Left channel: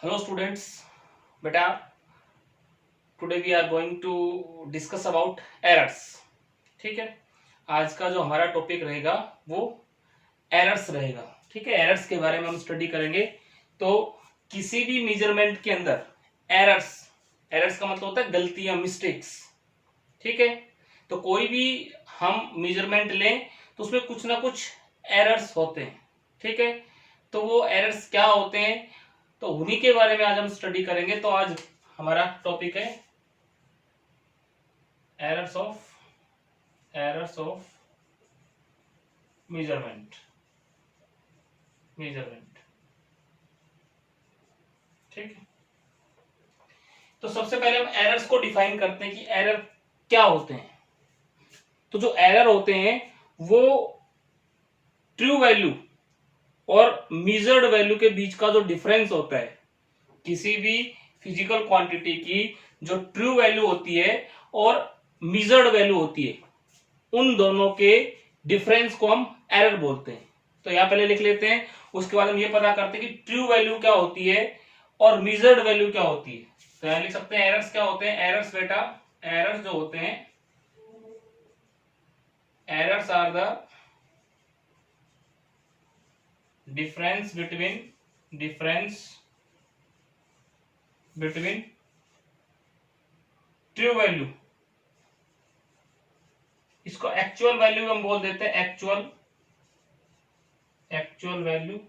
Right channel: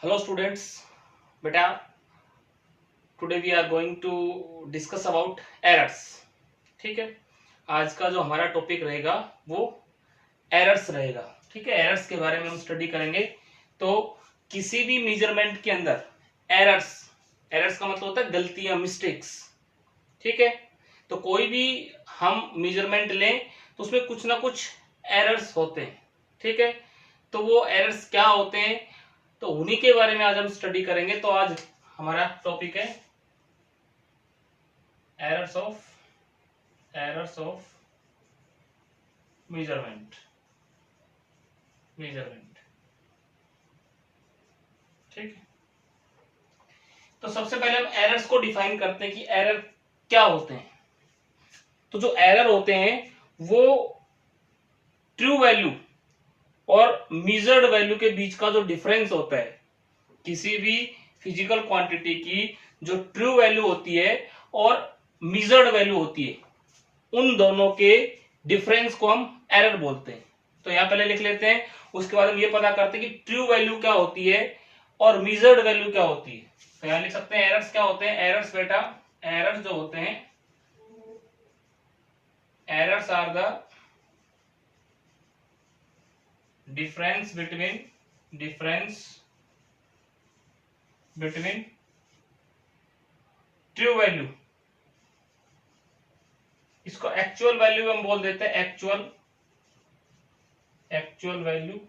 Hello students, बेटा today we are going to discuss about errors. ठीक है, आज का जो हमारा टॉपिक रहेगा वो एरर्स रहेगा। ठीक है, एरर्स के बारे में हम स्टडी करेंगे। तो किसी भी मेजरमेंट के अंदर एरर्स एरर्स का मतलब होता है गलतियां, मिस्टेक्स। ठीक है, तो कोई भी हम मेजरमेंट लें तो उसमें कुछ ना कुछ एरर्स होते हैं। ठीक है, तो वो एरर्स क्या होते हैं, तो उन्हीं के बारे में आज हम स्टडी करेंगे। तो आज हमारा टॉपिक है एरर्स ऑफ मेजरमेंट। ठीक है, तो सबसे पहले हम एरर्स को डिफाइन करते हैं कि एरर क्या होते हैं। तो जो एरर होते हैं वो ट्रू वैल्यू और मेजर्ड वैल्यू के बीच का जो डिफरेंस होता है, किसी भी फिजिकल क्वांटिटी की जो ट्रू वैल्यू होती है और मेजर्ड वैल्यू होती है, उन दोनों के डिफरेंस को हम एरर बोलते हैं। तो यहां पहले लिख लेते हैं, उसके बाद हम ये पता करते हैं कि ट्रू वैल्यू क्या होती है और मेजर्ड वैल्यू क्या होती है। तो यहां लिख सकते हैं एरर्स क्या होते हैं। एरर्स बेटा, एरर्स जो होते हैं, errors are the difference between true value, इसको एक्चुअल वैल्यू हम बोल देते हैं, actual value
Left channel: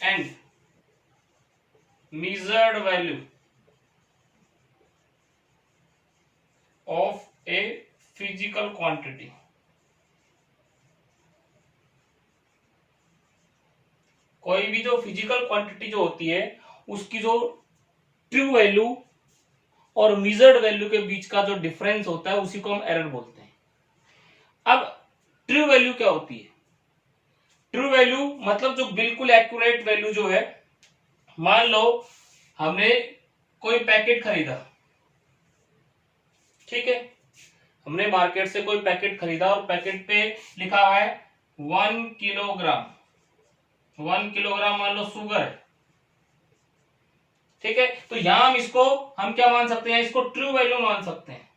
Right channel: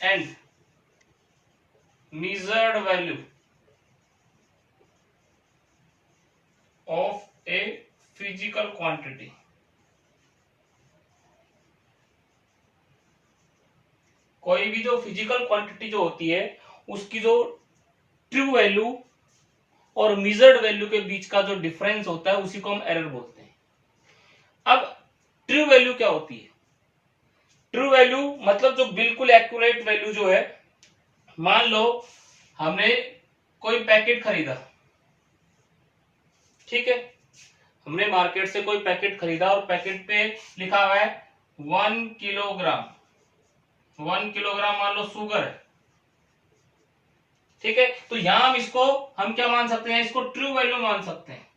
and measured value of a physical quantity। कोई भी जो फिजिकल क्वांटिटी जो होती है उसकी जो ट्रू वैल्यू और मेजर्ड वैल्यू के बीच का जो डिफरेंस होता है उसी को हम एरर बोलते हैं। अब ट्रू वैल्यू क्या होती है। ट्रू वैल्यू मतलब जो बिल्कुल एक्यूरेट वैल्यू जो है, मान लो हमने कोई पैकेट खरीदा। ठीक है, हमने मार्केट से कोई पैकेट खरीदा और पैकेट पे लिखा हुआ है 1 किलोग्राम मान लो शुगर। ठीक है, तो यहां हम क्या मान सकते हैं, इसको ट्रू वैल्यू मान सकते हैं।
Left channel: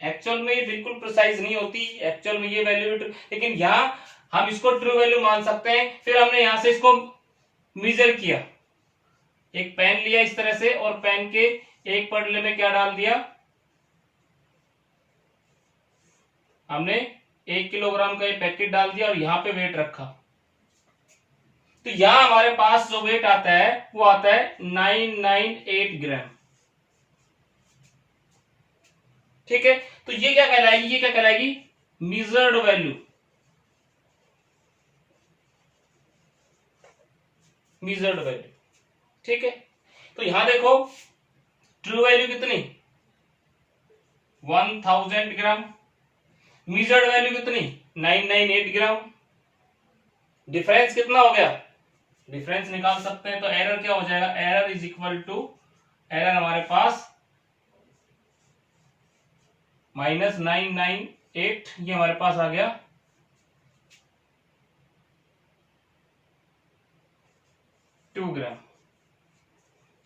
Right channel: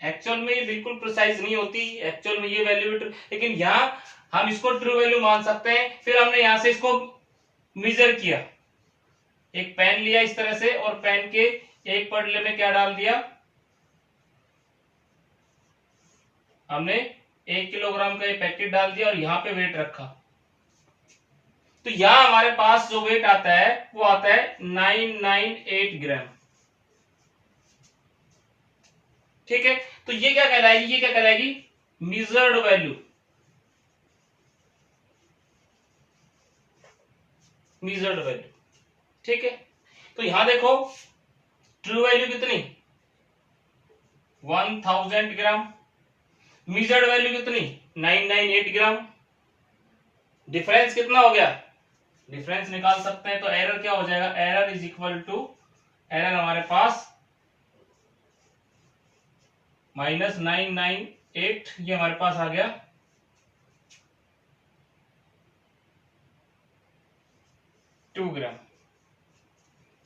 एक्चुअल में ये बिल्कुल प्रिसाइज नहीं होती, एक्चुअल में ये वैल्यू, लेकिन यहां हम इसको ट्रू वैल्यू मान सकते हैं। फिर हमने यहां से इसको मेजर किया, एक पेन लिया इस तरह से और पेन के एक पटले में क्या डाल दिया, हमने 1 किलोग्राम का ये पैकेट डाल दिया और यहां पे वेट रखा। तो यहां हमारे पास जो वेट आता है वो आता है 998 ग्राम। ठीक है, तो ये क्या कहलाएगी, मेजर्ड वैल्यू। ठीक है, तो यहां देखो ट्रू वैल्यू कितनी, 1000 ग्राम, मेजर्ड वैल्यू कितनी, 998 ग्राम। डिफरेंस कितना हो गया, डिफरेंस निकाल सकते हैं। तो एरर क्या हो जाएगा, error is equal to, error हमारे पास -998, ये हमारे पास आ गया 2 ग्राम।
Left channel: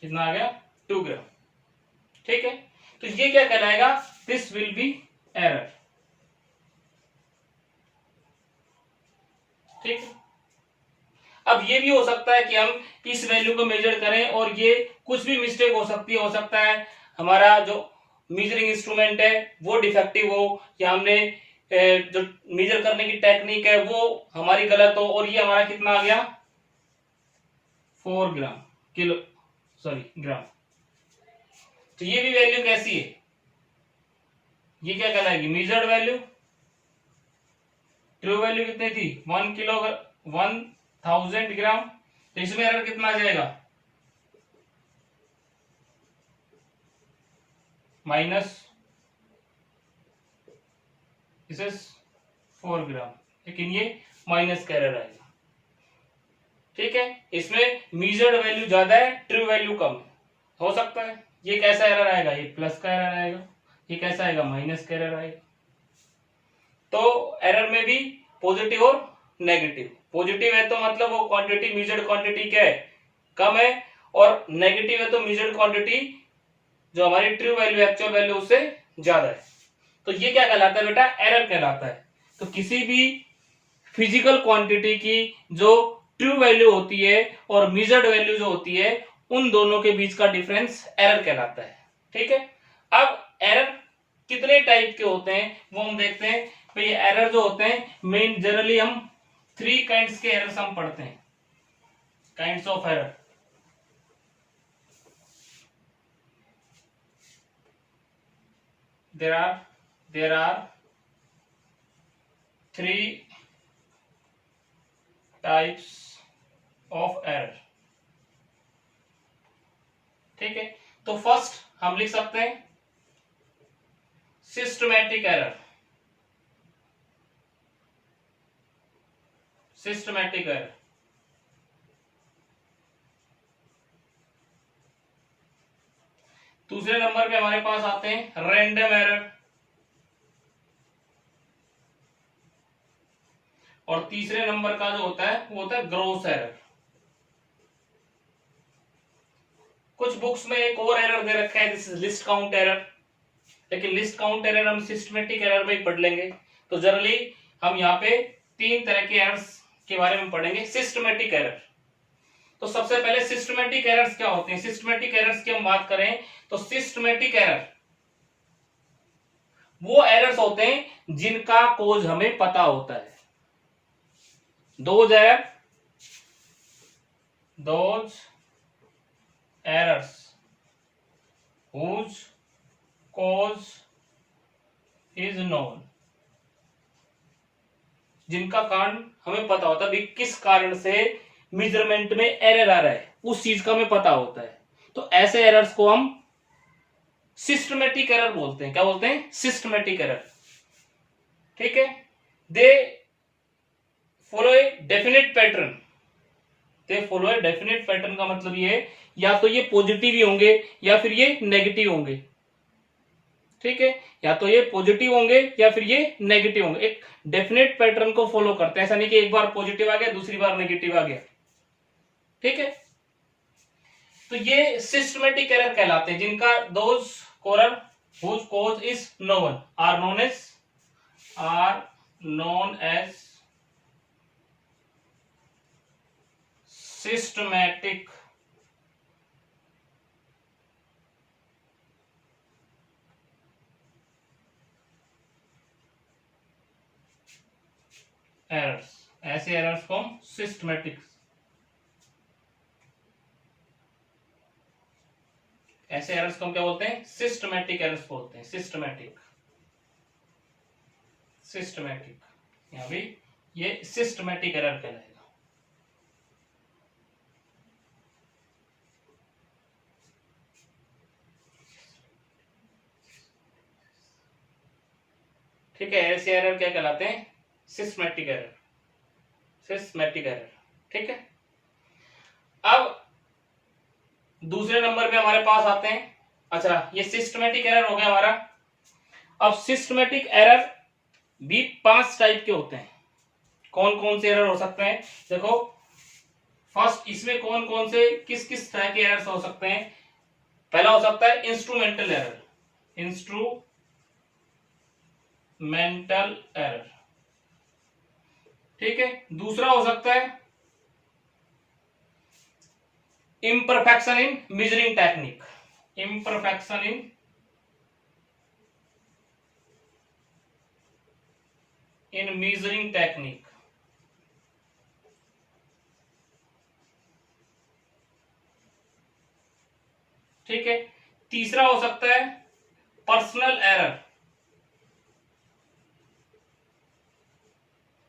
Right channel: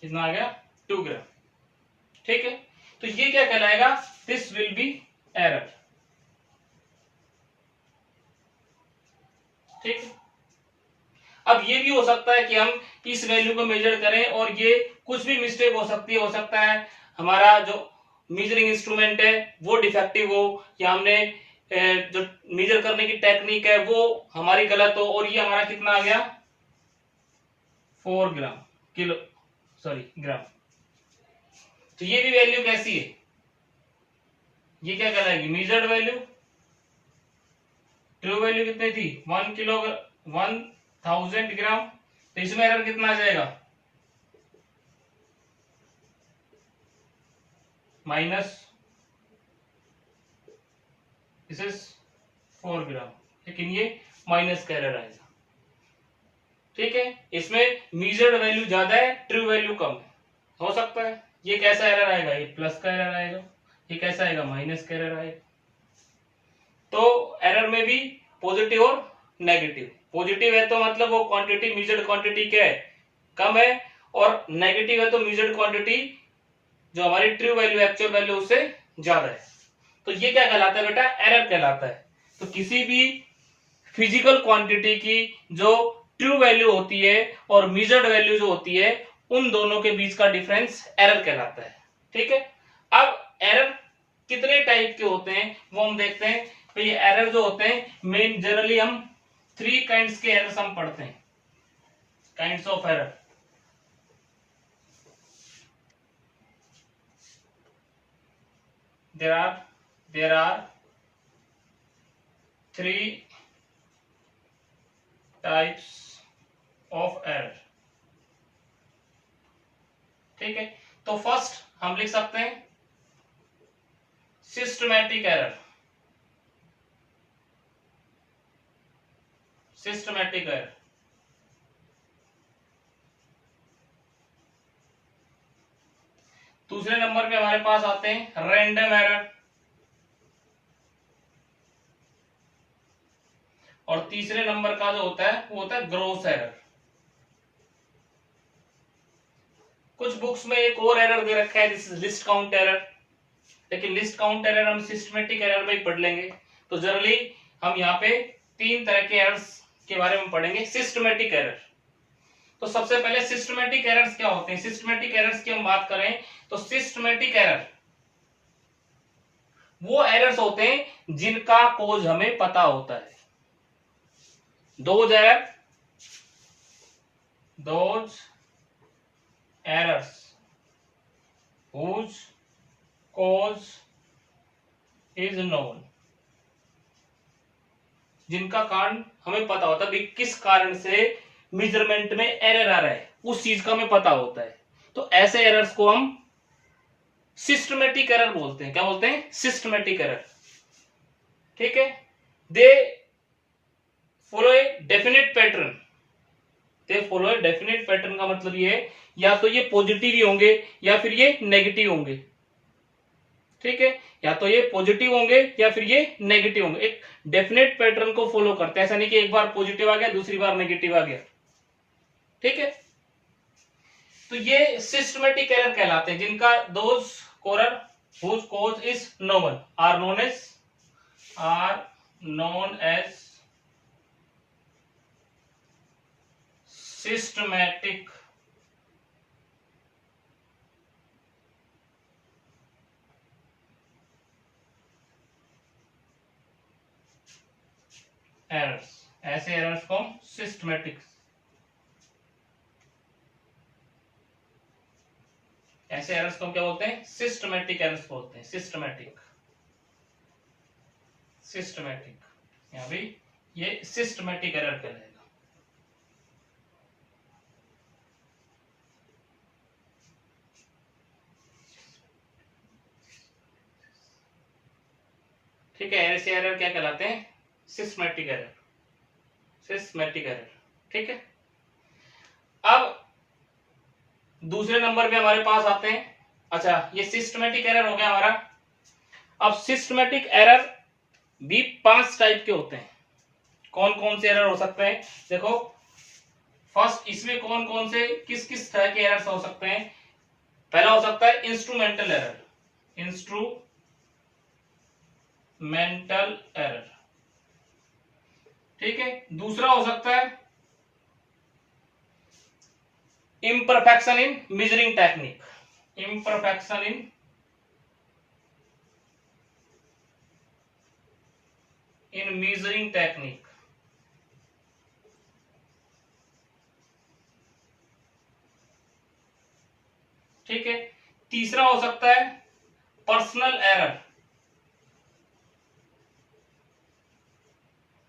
कितना आ गया, 2 ग्राम। ठीक है, तो ये क्या कहलाएगा, दिस विल बी एरर। ठीक है, अब ये भी हो सकता है कि हम इस वैल्यू को मेजर करें और ये कुछ भी मिस्टेक हो सकती है। हो सकता है हमारा जो मेजरिंग इंस्ट्रूमेंट है वो डिफेक्टिव हो, या हमने जो मेजर करने की टेक्निक है वो हमारी गलत हो, और ये हमारा कितना आ गया, 4 ग्राम ग्राम। तो ये भी वैल्यू कैसी है, ये क्या कहलाएगी, मेजर्ड वैल्यू। ट्रू वैल्यू कितनी थी, 1000 ग्राम। तो इसमें एरर कितना आ जाएगा, -4 ग्राम, लेकिन ये माइनस का एरर आएगा। ठीक है, इसमें मेजर्ड वैल्यू ज्यादा है, ट्रू वैल्यू कम है। हो सकता है ये कैसा एरर आएगा, ये प्लस का एरर आएगा, ये कैसा आएगा, माइनस का एरर आएगा। तो एरर में भी पॉजिटिव और नेगेटिव, पॉजिटिव है तो मतलब वो क्वांटिटी, मेजर्ड क्वांटिटी क्या है, कम है, और नेगेटिव है तो मेजर्ड क्वांटिटी जो हमारी ट्रू वैल्यू, एक्चुअल वैल्यू उससे ज्यादा है। तो ये क्या कहलाता है बेटा, एरर कहलाता है। तो किसी भी फिजिकल क्वांटिटी की जो ट्रू वैल्यू होती है और मेजर्ड वैल्यू जो होती है, उन दोनों के बीच का डिफरेंस एरर कहलाता है। ठीक है। अब एरर कितने टाइप के होते हैं वो हम देखते हैं। भाई एरर जो होते हैं, मेन जनरली हम 3 काइंड्स के एरर्स हम पढ़ते हैं, kinds of error. there are 3 types of error। ठीक है। तो फर्स्ट हम लिख सकते हैं सिस्टमैटिक एरर। Systematic error. दूसरे नंबर पे हमारे पास आते हैं रैंडम एरर, और तीसरे नंबर का जो होता है वो होता है ग्रॉस एरर। कुछ बुक्स में एक और एरर दे रखा है, this is list count error, लेकिन लिस्ट काउंट एरर हम सिस्टमैटिक एरर में ही पढ़ लेंगे। तो जनरली हम यहाँ पे 3 तरह के एरर्स के बारे में पढ़ेंगे। सिस्टमैटिक एरर, तो सबसे पहले सिस्टमैटिक एरर्स क्या होते हैं। सिस्टमैटिक एरर्स की हम बात करें तो सिस्टमैटिक एरर वो एरर्स होते हैं जिनका कोज हमें पता होता है। Those errors whose cause is known, जिनका कारण हमें पता होता है, भी किस कारण से मेजरमेंट में एरर आ रहा है, उस चीज का हमें पता होता है। तो ऐसे एरर्स को हम सिस्टमैटिक एरर बोलते हैं। क्या बोलते हैं, सिस्टमैटिक एरर। ठीक है। They follow a definite pattern. They follow a definite pattern का मतलब ये है, या तो ये पॉजिटिव ही होंगे या फिर ये नेगेटिव होंगे। ठीक है। या तो ये पॉजिटिव होंगे या फिर ये नेगेटिव होंगे। एक डेफिनेट पैटर्न को फॉलो करते हैं, ऐसा नहीं कि एक बार पॉजिटिव आ गया दूसरी बार नेगेटिव आ गया। ठीक है। तो ये सिस्टमैटिक एरर कहलाते हैं, जिनका those Korar whose cause is known are known as systematic errors. ऐसे एरर्स को हम सिस्टमैटिक, ऐसे एरर्स को हम क्या बोलते हैं, सिस्टमैटिक एरर्स बोलते हैं। सिस्टमैटिक, सिस्टमैटिक, यहां भी ये सिस्टमैटिक एरर कहलाएगा। ठीक है। ऐसे एरर क्या कहलाते हैं, सिस्टमैटिक एरर, सिस्टमैटिक एरर। ठीक है। अब दूसरे नंबर पे हमारे पास आते हैं, अच्छा ये सिस्टमैटिक एरर हो गया हमारा। अब सिस्टमैटिक एरर भी 5 टाइप के होते हैं। कौन कौन से एरर हो सकते हैं, देखो फर्स्ट इसमें कौन कौन से किस किस तरह के एरर्स हो सकते हैं। पहला हो सकता है इंस्ट्रूमेंटल एरर, इंस्ट्रूमेंटल एरर। ठीक है। दूसरा हो सकता है imperfection in measuring technique, imperfection in measuring technique। ठीक है। तीसरा हो सकता है पर्सनल एरर।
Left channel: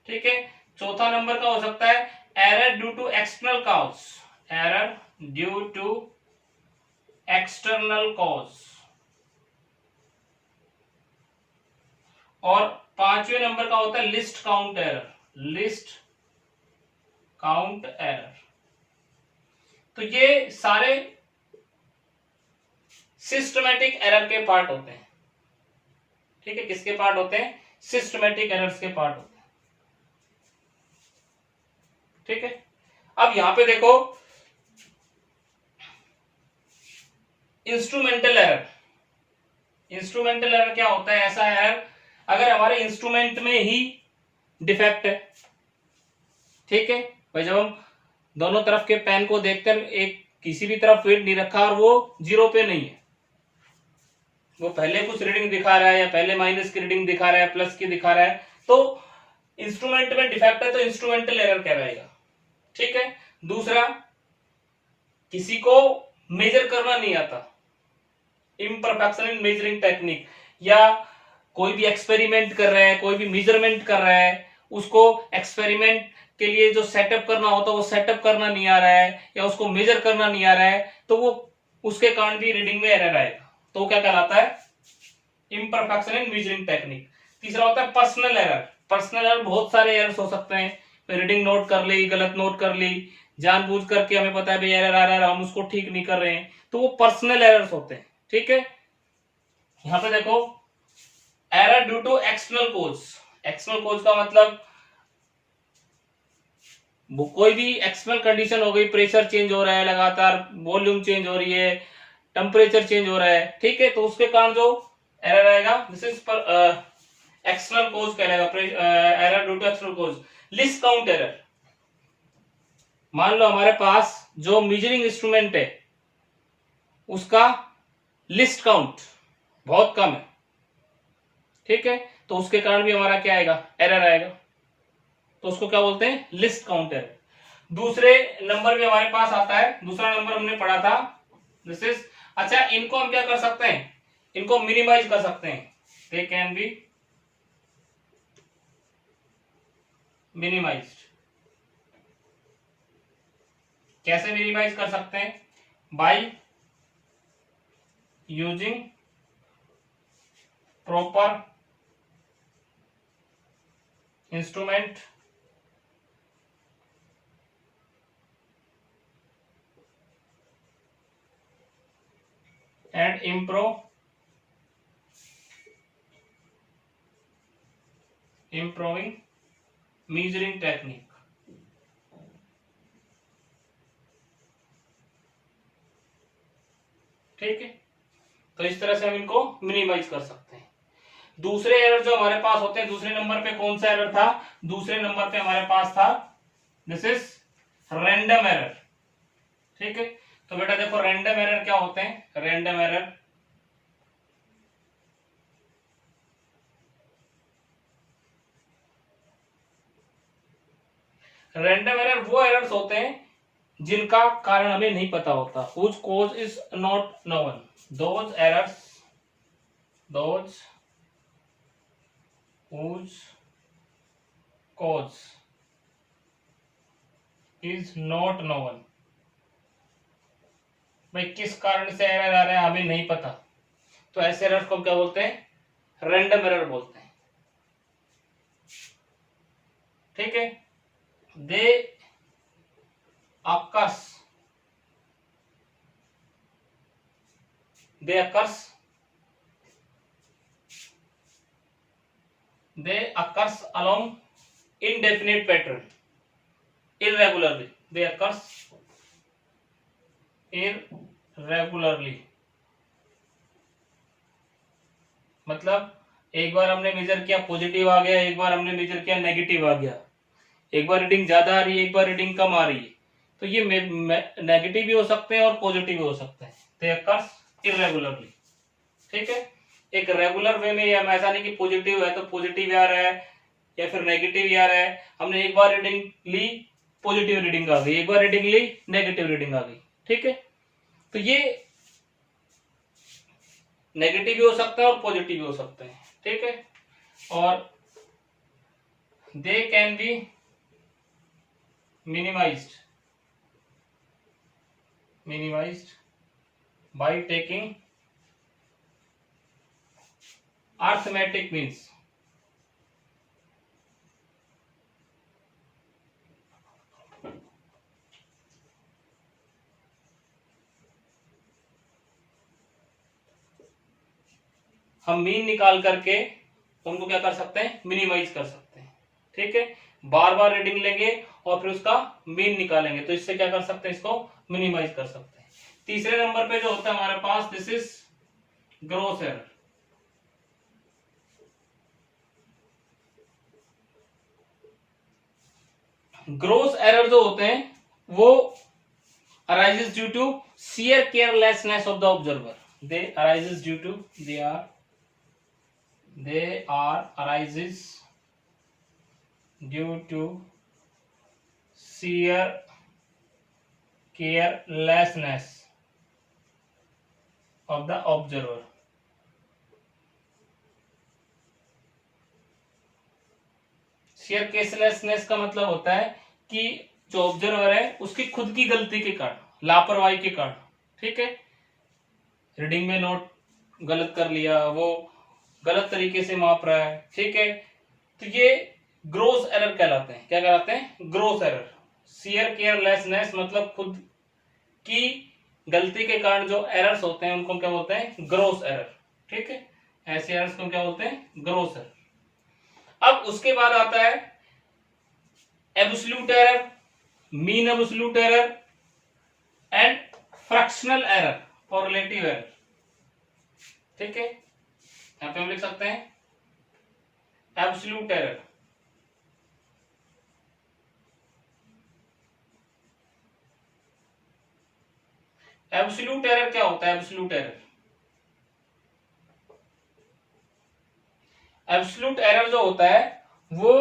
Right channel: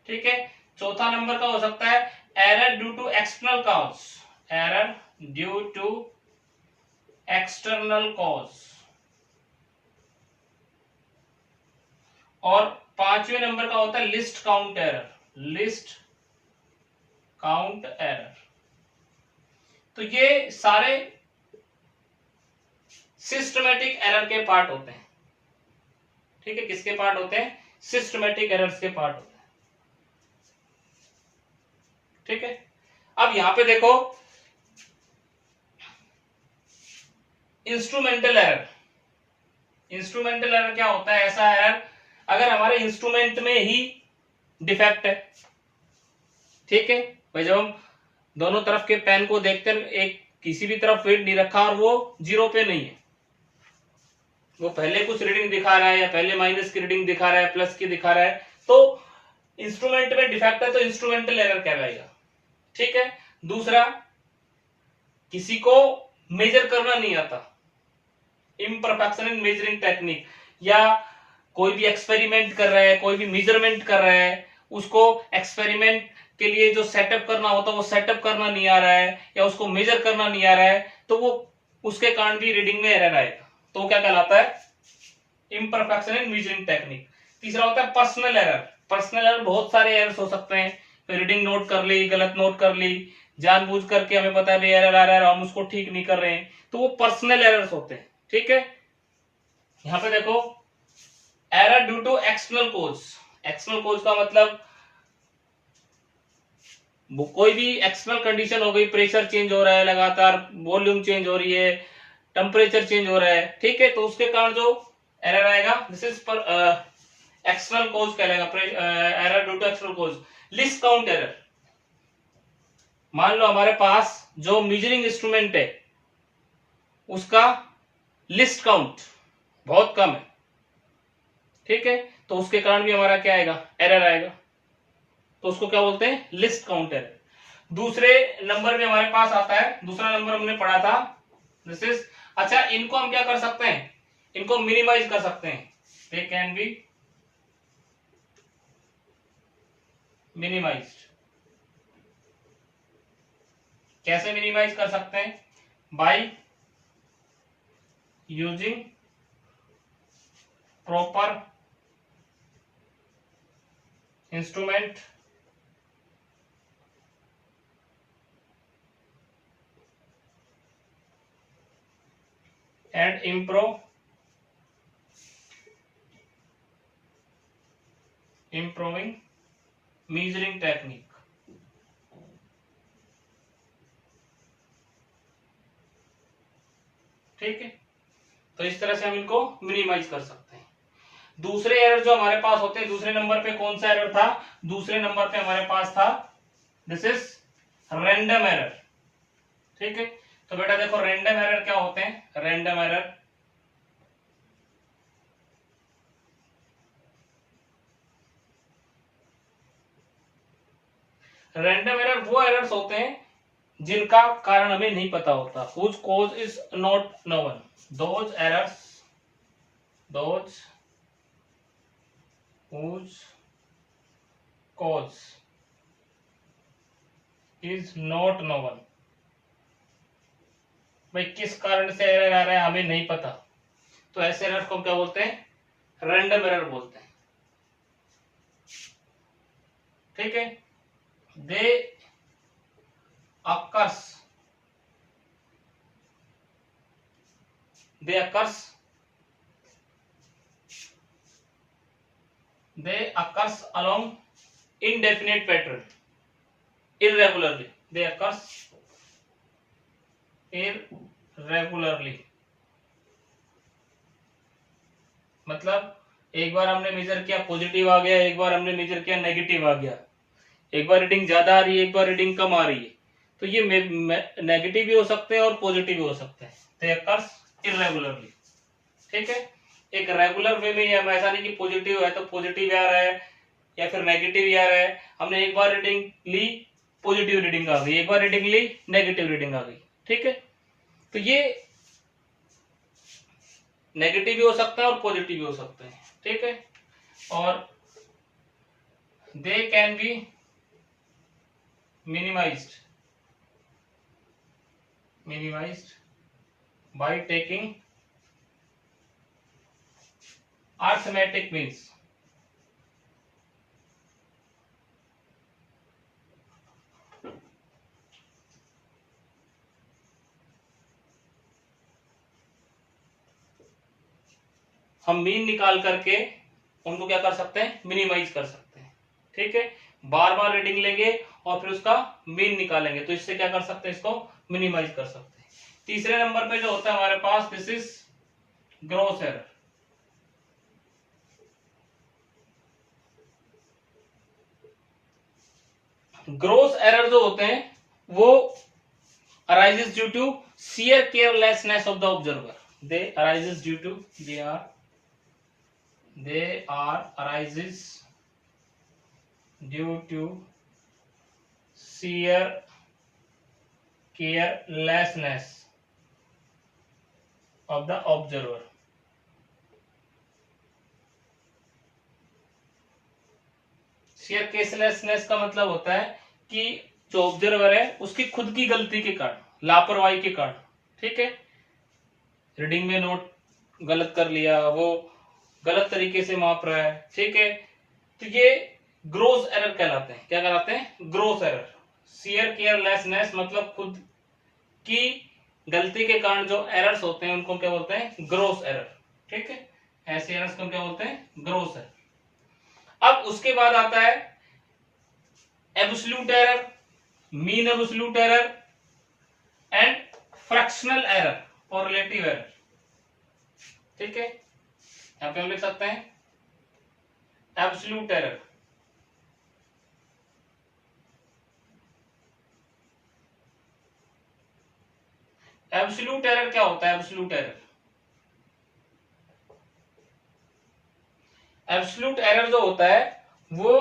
ठीक है। चौथा नंबर का हो सकता है error due to external cause, error due to external cause. और 5वें नंबर का होता है least count error, least count error. तो ये सारे सिस्टमैटिक एरर के पार्ट होते हैं। ठीक है। किसके पार्ट होते हैं, सिस्टमैटिक एरर्स के पार्ट होते हैं। ठीक है। अब यहां पे देखो इंस्ट्रूमेंटल एरर। इंस्ट्रूमेंटल एरर क्या होता है? ऐसा एरर अगर हमारे इंस्ट्रूमेंट में ही डिफेक्ट है, ठीक है भाई, जब हम दोनों तरफ के पेन को देखकर एक किसी भी तरफ वेट नहीं रखा और वो 0 पे नहीं है, वो पहले कुछ रीडिंग दिखा रहा है या पहले माइनस की रीडिंग दिखा रहा है, प्लस की दिखा रहा है, तो इंस्ट्रूमेंट में डिफेक्ट है, तो इंस्ट्रूमेंटल एरर कहलाएगा, ठीक है। दूसरा, किसी को मेजर करना नहीं आता, इम्परफेक्शन इन मेजरिंग टेक्निक, या कोई भी एक्सपेरिमेंट कर रहा है, कोई भी मेजरमेंट कर रहा है, उसको एक्सपेरिमेंट के लिए जो सेटअप करना होता है वो सेटअप करना नहीं आ रहा है, या उसको मेजर करना नहीं आ रहा है, तो वो उसके कारण भी रीडिंग में एरर आएगा, तो वो क्या कहलाता है? Imperfection in measuring technique. तीसरा होता है पर्सनल एरर। पर्सनल एरर बहुत सारे एरर्स हो सकते हैं, रीडिंग नोट कर ली, गलत नोट कर ली, जानबूझ करके हमें पता है भाई एरर आ रहा है और हम उसको ठीक नहीं कर रहे हैं, तो वो पर्सनल एरर्स होते हैं, ठीक है। यहां पे देखो error due to external cause. External cause का मतलब वो कोई भी एक्सटर्नल कंडीशन हो गई, प्रेशर चेंज हो रहा है लगातार, वॉल्यूम चेंज हो रही है, टेम्परेचर चेंज हो रहा है, ठीक है, तो उसके कारण जो एरर आएगा दिस इज पर एक्सटर्नल कोज कहलाएगा, error due to external cause. Least count error, मान लो हमारे पास जो मेजरिंग इंस्ट्रूमेंट है उसका लिस्ट काउंट बहुत कम है, ठीक है, तो उसके कारण भी हमारा क्या आएगा? एरर आएगा, तो उसको क्या बोलते हैं? List count error. दूसरे नंबर में हमारे पास आता है, दूसरा नंबर हमने पढ़ा था दिस इज, अच्छा इनको हम क्या कर सकते हैं? इनको मिनिमाइज कर सकते हैं, दे कैन बी मिनिमाइज्ड। कैसे मिनिमाइज कर सकते हैं? By using proper instrument and improving measuring technique। ठीक है, तो इस तरह से हम इनको मिनिमाइज कर सकते हैं। दूसरे एरर जो हमारे पास होते हैं, दूसरे नंबर पे कौन सा एरर था? दूसरे नंबर पे हमारे पास था दिस इज रैंडम एरर, ठीक है। तो बेटा देखो रैंडम एरर क्या होते हैं? रैंडम एरर रैंडम एरर वो एरर्स होते हैं जिनका कारण हमें नहीं पता होता, whose cause is not known। those errors those whose cause is not known, भाई किस कारण से एरर आ रहा है हमें नहीं पता, तो ऐसे एरर को क्या बोलते हैं? रैंडम एरर बोलते हैं, ठीक है। दे occurs they occurs along indefinite pattern, irregularly, they occurs irregularly। मतलब एक बार हमने मेजर किया पॉजिटिव आ गया, एक बार हमने मेजर किया नेगेटिव आ गया, एक बार रीडिंग ज्यादा आ रही है, एक बार रीडिंग कम आ रही है, तो ये नेगेटिव भी हो सकते हैं और पॉजिटिव भी हो सकते हैं, they occurs irregularly, ठीक है। एक रेगुलर वे में, हम ऐसा नहीं कि पॉजिटिव है तो पॉजिटिव आ रहा है या फिर नेगेटिव ही आ रहा है, हमने एक बार रीडिंग ली पॉजिटिव रीडिंग आ गई, एक बार रीडिंग ली नेगेटिव रीडिंग आ गई, ठीक है। तो ये नेगेटिव भी हो सकता है और पॉजिटिव भी हो सकते हैं, ठीक है। और they can be minimized by taking arithmetic means। हम मीन निकाल करके उनको क्या कर सकते हैं? मिनिमाइज कर सकते हैं, ठीक है, बार बार रीडिंग लेंगे और फिर उसका मीन निकालेंगे, तो इससे क्या कर सकते हैं, इसको मिनिमाइज कर सकते हैं। तीसरे नंबर पे जो होता है हमारे पास, this is gross error. Gross error जो होते हैं वो arises due to sheer carelessness of the observer. They arises due to they are arises due to sheer carelessness of the observer. Sheer carelessness का मतलब होता है कि जो ऑब्जर्वर है उसकी खुद की गलती के कारण, लापरवाही के कारण, ठीक है, रीडिंग में नोट गलत कर लिया, वो गलत तरीके से माप रहा है, ठीक है, तो ये ग्रोस एरर कहलाते हैं। क्या कहलाते हैं? Gross error. शेयर केयरलेसनेस मतलब खुद की गलती के कारण जो एरर्स होते हैं उनको क्या बोलते हैं? ग्रोस एरर, ठीक है, ऐसे एरर्स को क्या बोलते हैं? Gross error. अब उसके बाद आता है absolute error, mean absolute error and fractional error और रिलेटिव एरर, ठीक है, यहां पे हम लिख सकते हैं एब्सोल्यूट एरर, एब्सोल्यूट एरर क्या होता है? एब्सोल्यूट एरर, एब्सोल्यूट एरर जो होता है वो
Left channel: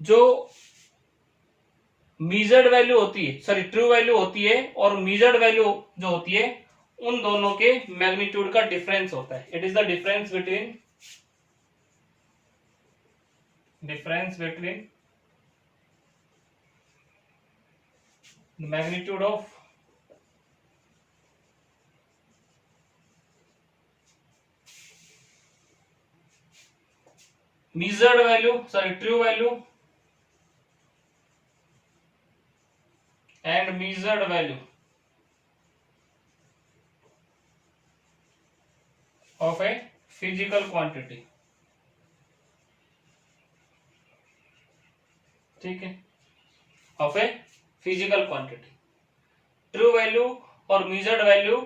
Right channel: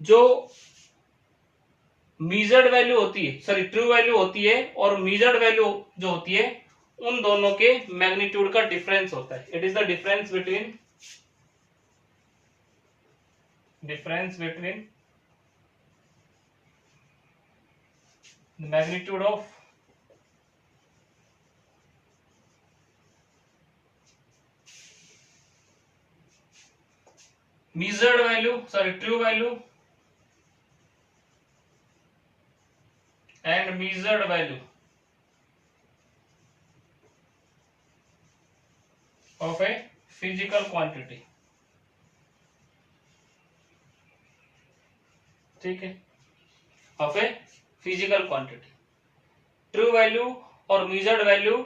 जो मीजर्ड वैल्यू होती है, सॉरी ट्रू वैल्यू होती है और मीजर्ड वैल्यू जो होती है उन दोनों के मैग्नीट्यूड का डिफरेंस होता है। It is the difference between magnitude of measured value, sorry, true value and measured value of a physical quantity, ठीक है, of a physical quantity। True value और measured वैल्यू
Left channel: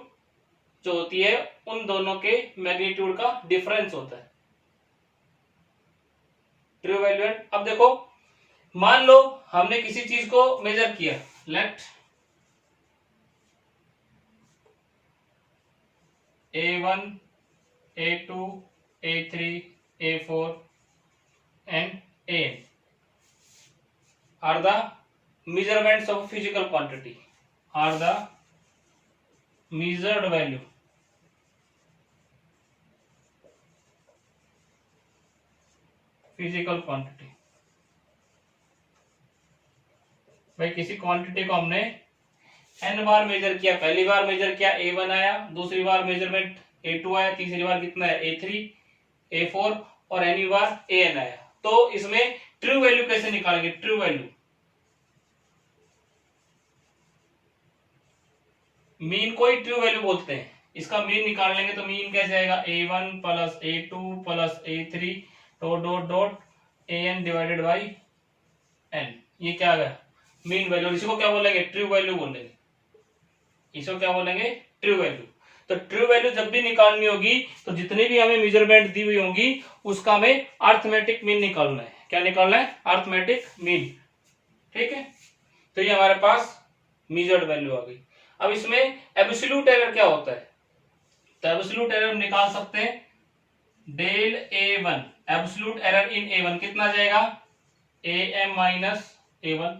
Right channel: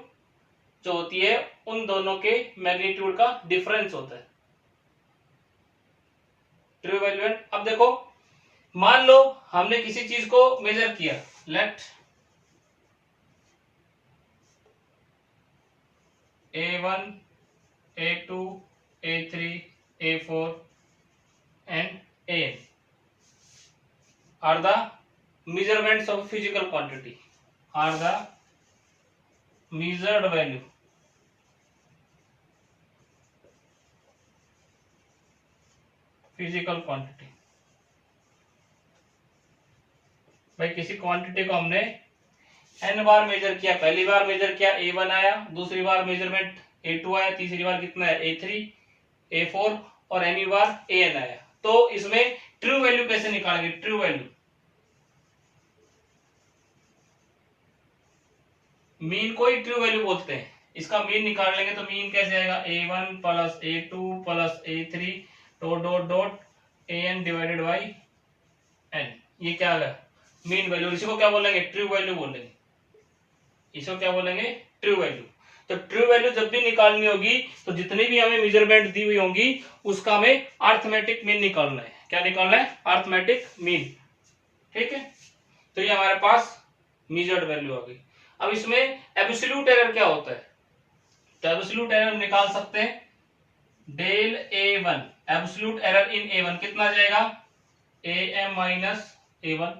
जो होती है उन दोनों के मैग्नीट्यूड का डिफरेंस होता है। ट्रू वैल्यू एंड, अब देखो मान लो हमने किसी चीज को मेजर किया, late A1, A2, A3, A4 and AN are the measurements of physical quantity, are the measured value physical quantity. भाई किसी क्वांटिटी को हमने n बार मेजर किया, पहली बार मेजर किया A1 आया, दूसरी बार मेजरमेंट A2 आया, तीसरी बार कितना है A3, A4 और एनी बार AN आया, तो इसमें ट्रू वैल्यू कैसे निकालेंगे? ट्रू वैल्यू, मीन को ही ट्रू वैल्यू बोलते हैं, इसका मीन निकाल लेंगे तो मीन कैसे आएगा? A1 plus A2 plus A3 dot dot dot AN divided by N, ये क्या आ गया? Mean value. इसी को क्या बोलेंगे? ट्रू वैल्यू बोलेंगे, इसको क्या बोलेंगे? True value. तो ट्रू वैल्यू जब भी निकालनी होगी तो जितनी भी हमें मेजरमेंट दी हुई होंगी उसका हमें अर्थमेटिक मीन निकालना है। क्या निकालना है? अर्थमेटिक मीन, ठीक है, तो ये हमारे पास मेजर्ड वैल्यू आ गई। अब इसमें एब्सोल्यूट एरर क्या होता है? तो एब्सोल्यूट एरर हम निकाल सकते हैं del A1, absolute error in A1 कितना आ जाएगा? AM minus A1,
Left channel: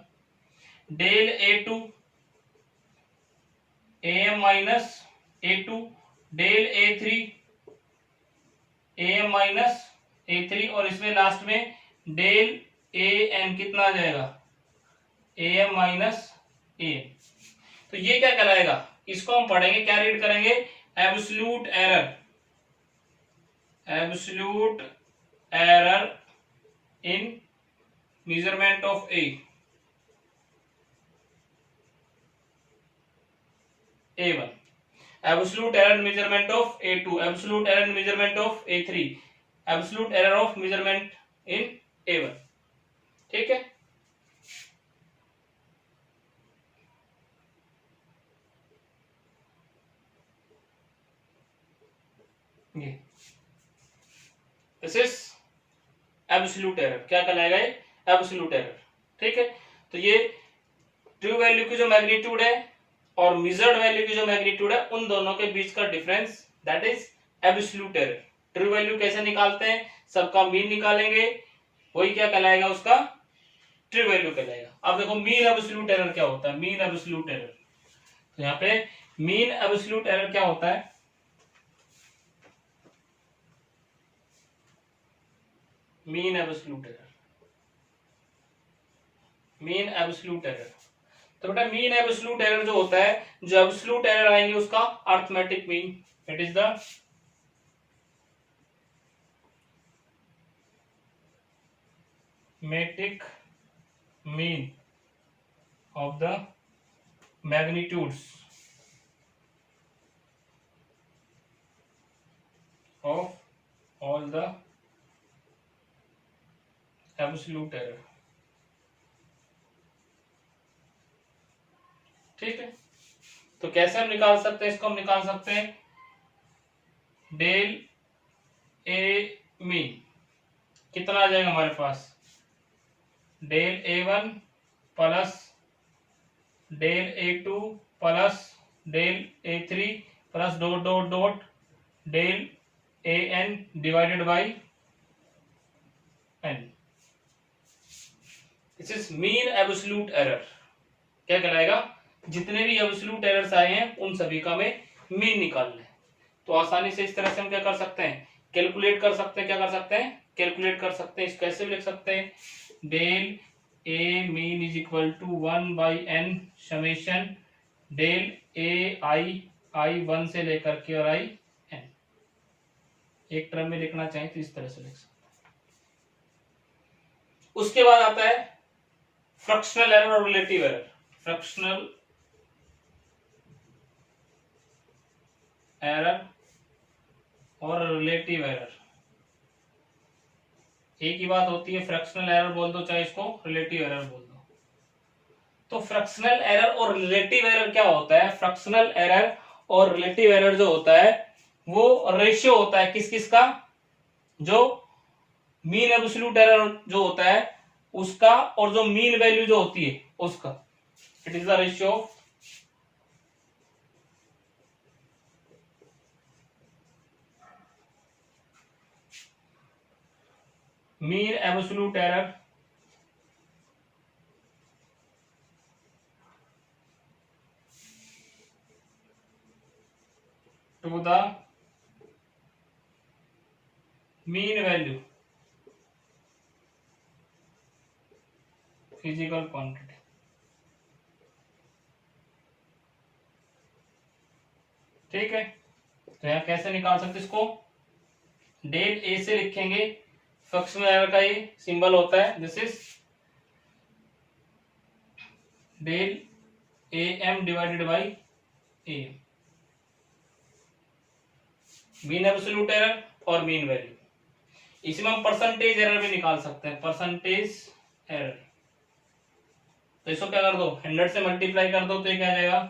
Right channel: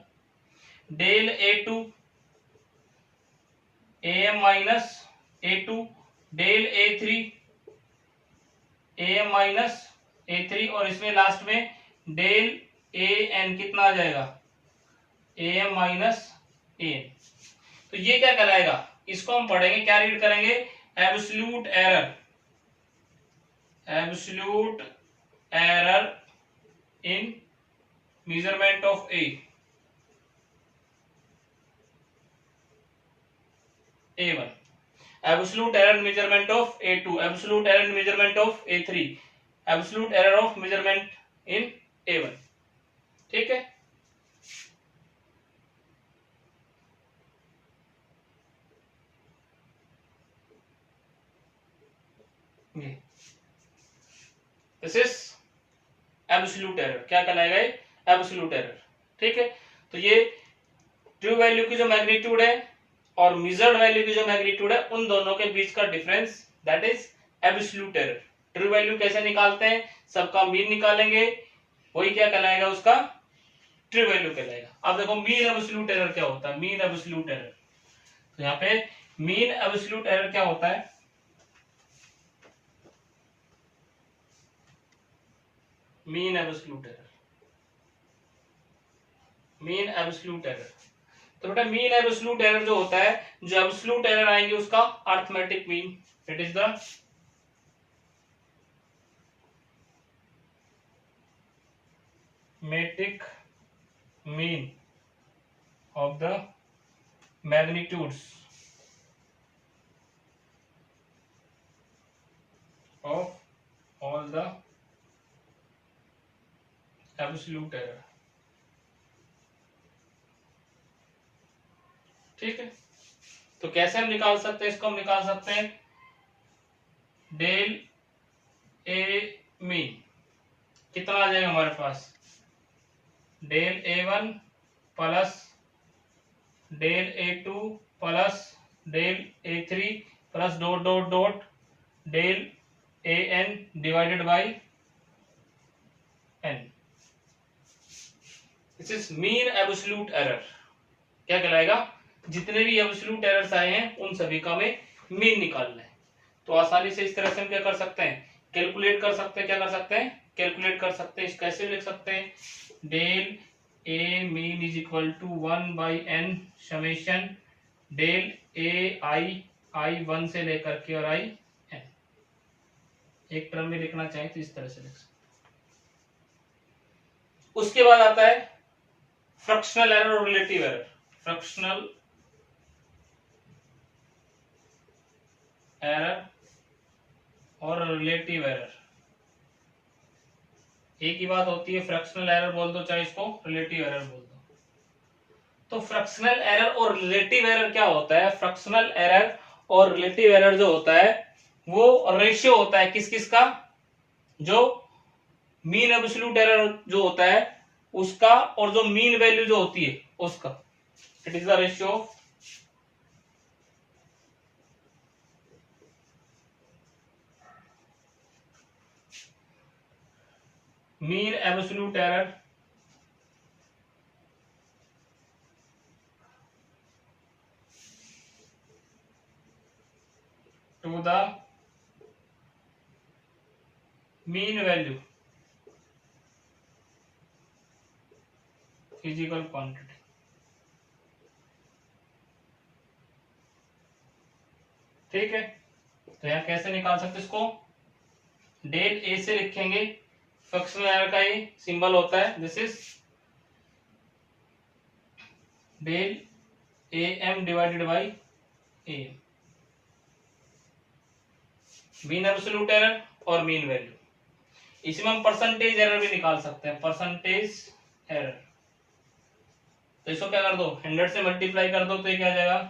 del A2 AM minus A2, del A3 AM minus A3 और इसमें लास्ट में डेल AN कितना आ जाएगा? AM minus AM। तो ये क्या कहलाएगा? इसको हम पढ़ेंगे, क्या रीड करेंगे? Absolute error, absolute error in measurement of A1, absolute error in measurement of A2, absolute error in measurement of A3, absolute error of measurement in A1, ठीक है। ये दिस इज एब्सोल्यूट एरर, क्या कहलाएगा ये, absolute error, ठीक है। तो ये ट्रू वैल्यू की जो मैग्नीट्यूड है और मेजर्ड वैल्यू की जो मैग्नीट्यूड है, उन दोनों के बीच का difference, that is absolute error. True value कैसे निकालते हैं, सबका मीन निकालेंगे, वही क्या कहलाएगा, उसका ट्रू वैल्यू कहलाएगा। अब देखो मीन एब्सोल्यूट एरर क्या होता है, मीन एब्सोल्यूट एरर, तो यहाँ पे मीन एब्सोल्यूट एरर क्या होता है, mean absolute error, mean absolute error. तो बेटा मीन एब्सोल्यूट एरर जो होता है, जो एब्सोल्यूट एरर आएंगे उसका arithmetic mean, it is the मैट्रिक mean of the magnitudes of all the absolute error, ठीक है। तो कैसे हम निकाल सकते हैं इसको, हम निकाल सकते हैं डेल ए मीन कितना आ जाएगा हमारे पास, del A1 plus del A2 plus del A3 plus dot dot dot del AN divided by n, this is mean absolute error, क्या कहलाएगा, जितने भी एब्सोल्यूट एरर्स आए हैं उन सभी का हमें मीन निकालना है। तो आसानी से इस तरह से हम क्या कर सकते हैं, कैलकुलेट कर सकते हैं, क्या कर सकते हैं, कैलकुलेट कर सकते हैं। कैसे लिख सकते हैं, del a mean is equal to 1/n summation del a i 1 से लेकर के और आई n, एक टर्म में लिखना चाहें तो इस तरह से लिख सकते हैं। उसके बाद आता है फ्रैक्शनल एरर और रिलेटिव एरर। फ्रैक्शनल एरर और रिलेटिव एरर, एक ही बात होती है, फ्रैक्शनल एरर बोल दो चाहे इसको रिलेटिव एरर बोल दो। तो फ्रैक्शनल एरर और रिलेटिव एरर क्या होता है, फ्रैक्शनल एरर और रिलेटिव एरर जो होता है वो रेशियो होता है किस किस का, जो मीन एब्सोल्यूट एरर जो होता है उसका और जो मीन वैल्यू जो होती है उसका, it is the ratio of mean absolute error to the mean value physical quantity, ठीक है। तो यहां कैसे निकाल सकते इसको, डेल ए से लिखेंगे, फ्रैक्शनल एरर का ये सिंबल होता है, this is del A M divided by A, mean absolute error और मीन वैल्यू। इसमें हम परसेंटेज एरर भी निकाल सकते हैं, परसेंटेज एरर। तो इसको क्या कर दो, 100 से मल्टीप्लाई कर दो तो ये क्या आ जाएगा,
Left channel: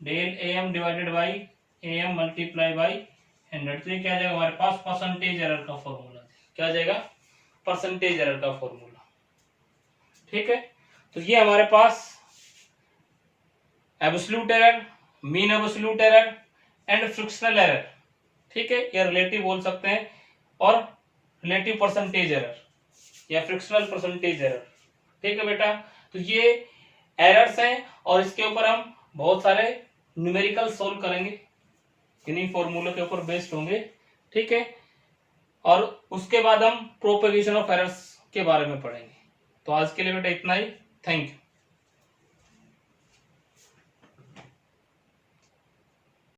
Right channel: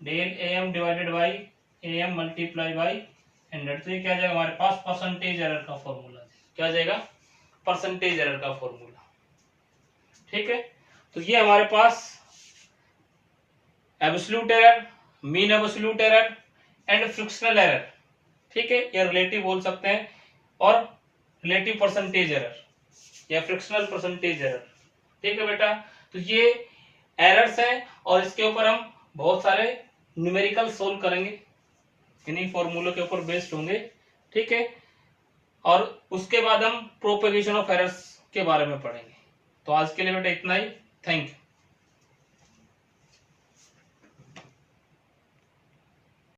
del A M divided by A M multiply by 100, तो ये क्या आ जाएगा हमारे पास, परसेंटेज एरर का फॉर्मूला, क्या आ जाएगा, परसेंटेज एरर का फॉर्मूला, ठीक है। तो ये हमारे पास absolute error, mean absolute error and fractional error, ठीक है, या रिलेटिव बोल सकते हैं, और रिलेटिव परसेंटेज एरर या फ्रैक्शनल परसेंटेज एरर, ठीक है बेटा। तो ये एरर्स हैं और इसके ऊपर हम बहुत सारे न्यूमेरिकल सोल्व करेंगे, इन्हीं फॉर्मूलों के ऊपर बेस्ड होंगे, ठीक है। और उसके बाद हम प्रोपेगेशन ऑफ एरर्स के बारे में पढ़ेंगे। तो आज के लिए बेटा इतना ही, थैंक यू।